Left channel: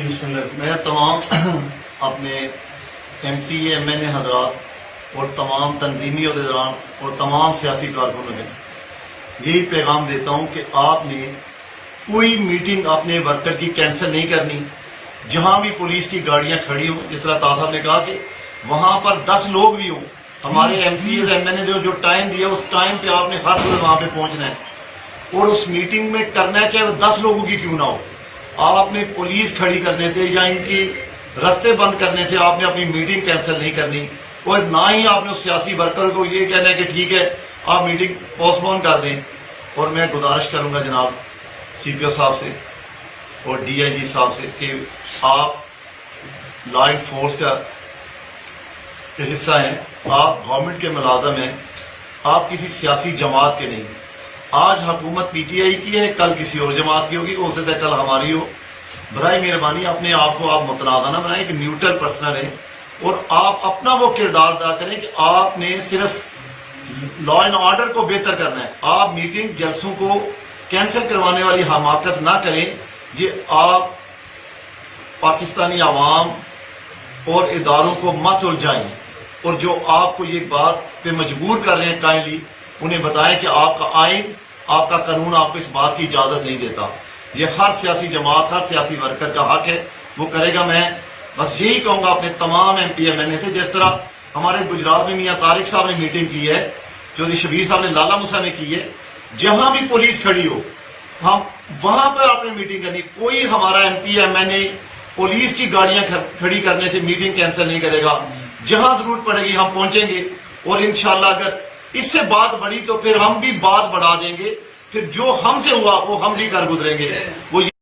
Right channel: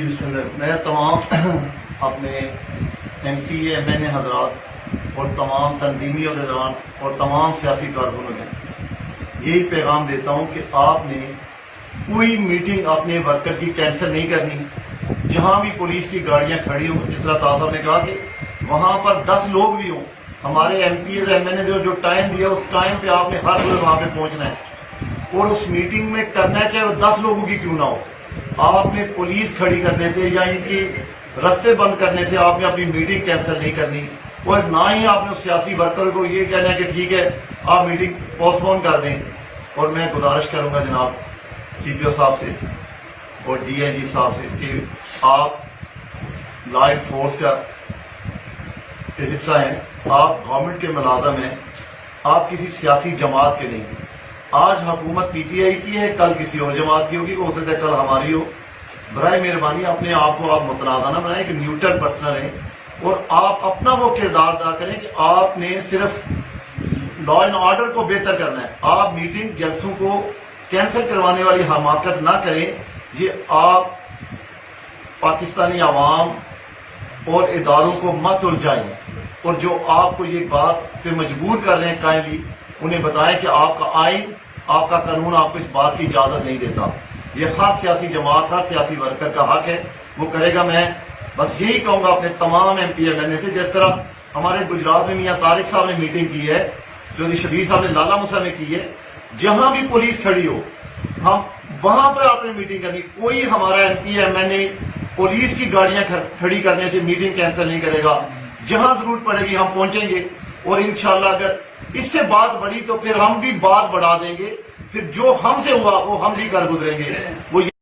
میں تمام اپنے M P A M N A حضرات اور تمام تنظیمی عہدیداران اور تمام سیاسی کارکنوں میں یہی پیغام دیتا ہوں کہ آپ نے کوئی میٹنگ اپنے ورکر کی کینسل نہیں کرنی. جہاں بھی پولیس کی گاڑیاں کھڑی ہوں، جس طرح طاہر صاحب نے کہا کہ وہاں پر 10 لوگ بھی ہوں، ہمارے M P As M N A جو ٹائم دیا اس ٹائم پہ آپ نے ہر روز وہاں پہ پہنچنا ہے اور اس میٹنگ میں کرنا ہے، چاہے وہ 10 لوگوں کی کیوں نہ ہو. آپ نے پولیس کھڑی کرنے سے یا ان کی رستے بند کرنے سے آپ نے اپنی میٹنگ کینسل نہیں کرنی، اور نہ ہی آپ نے اس سیاسی ورکر کو یہ کہنا ہے کہ ٹھیک ہے آپ میٹنگ پوسٹ پون کر دیں. اور میں گزارش کروں گا جناب سی پی او صاحب سے اور ڈی آئی جی صاحب سے کہ آپ لا اینڈ فورس کا حصہ ہیں، آپ گورنمنٹ کے ملازم ہیں، آپ کسی سیاسی جماعت کے نہیں. آج حکومت پی ٹی آئی کی ہے، کل کسی اور جماعت کی ہوگی، ہو سکتا ہے کل ہماری ہو. برائے مہربانی اپنے آپ کو آپ متنازع نہ بنائیں کہ نیوٹرل پرسنل ہیں، اور آپ اپنا وہ کردار ادا کریں کہ آپ نے صرف لا اینڈ آرڈر کو بہتر کرنا ہے. آپ میٹنگ جلسوں کو کینسل کروانے والی حماقت نہ کریں. یہ آپ پاکستانی عوام اور اداروں کو مت الجھائیں، اور جو آپ کو یہ بات پہ مجبور کر رہے ہیں کائنڈلی انہیں بتائیں کہ آپ کا آئین، آپ کا قانون آپ کو اس بات کی اجازت نہیں دیتا. یہ ہر سیاسی جماعت، ہر سیاسی ورکر کا حق ہے، وہ کرے گا. میں بس یہی کہوں گا اپنے تمام ایم پی ایم این اے سے، جس طرح ہمارے گجرات میں میاں طارق صاحب نے میٹنگ کی ہے، چودھری شبیر صاحب نے لالا موسیٰ میں کی ہے، جہاں بھی پولیس کھڑی ہو ہم وہاں پر آپ نے میٹنگ کرنی. کوئی ہمارا ایم پی ایم این اے پولیس کی گاڑیاں کھڑی کرنے سے میٹنگ کینسل نہیں کرے گا. جہاں ضرورت پڑے گی ہم پہنچیں گے، اور انشاءاللہ اگر اس سے بات بڑھی تو پھر ہم بھی بات بڑھا دیں گے. پھر جو ہم سے ہوا وہ ہم بھی کر گزریں گے. وہ